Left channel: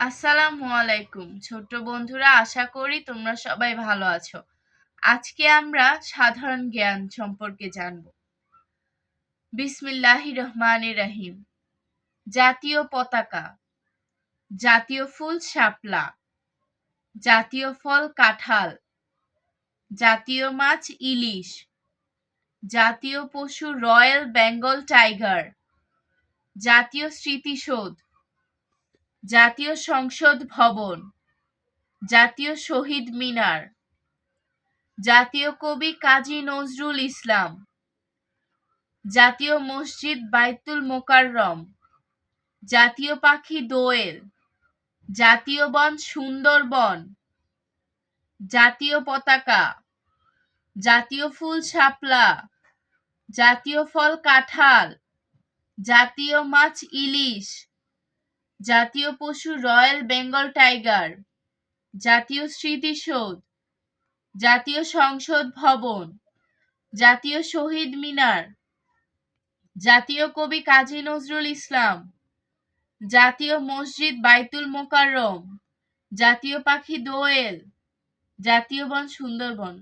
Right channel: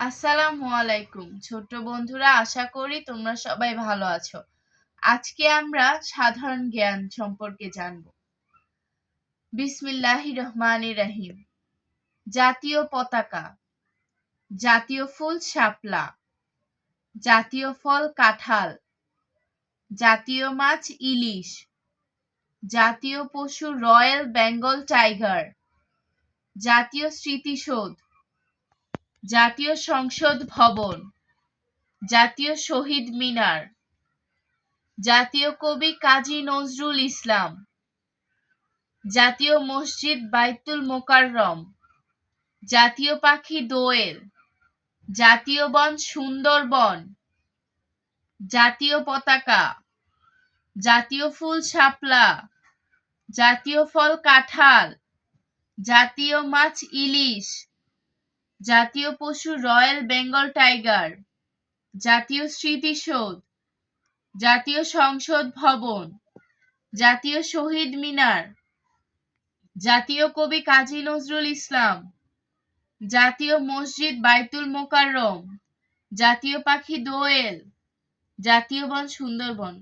আসসালামু আলাইকুম ছোট্ট বন্ধুরা, আশা করি তোমরা সবাই ভালো আছো। আজকে আমরা সাধারণ জ্ঞান সম্পর্কে জানব। বিসমিল্লাহির রহমানির রহিম। জাতীয় পতাকা। জাতীয় ফুল শাপলা। জাতীয় ফল কাঁঠাল। জাতীয় মাছ ইলিশ। জাতীয় পশু রয়্যাল বেঙ্গল টাইগার। জাতীয় স্মৃতিসৌধ। জাতীয় সংসদ ভবন। জাতীয় শহীদ মিনার। জাতীয় কবি কাজী নজরুল ইসলাম। জাতীয় মসজিদ বাইতুল মোকাররম। জাতীয় পাখি দোয়েল। জাতীয় বন সুন্দরবন। জাতীয় পতাকা। জাতীয় ফুল শাপলা। জাতীয় ফল কাঁঠাল। জাতীয় মাছ ইলিশ। জাতীয় পশু রয়্যাল বেঙ্গল টাইগার। জাতীয় স্মৃতিসৌধ। জাতীয় সংসদ ভবন। জাতীয় শহীদ মিনার। জাতীয় কবি কাজী নজরুল ইসলাম। জাতীয় মসজিদ বাইতুল মোকাররম। জাতীয় পাখি দোয়েল। জাতীয় বন সুন্দরবন।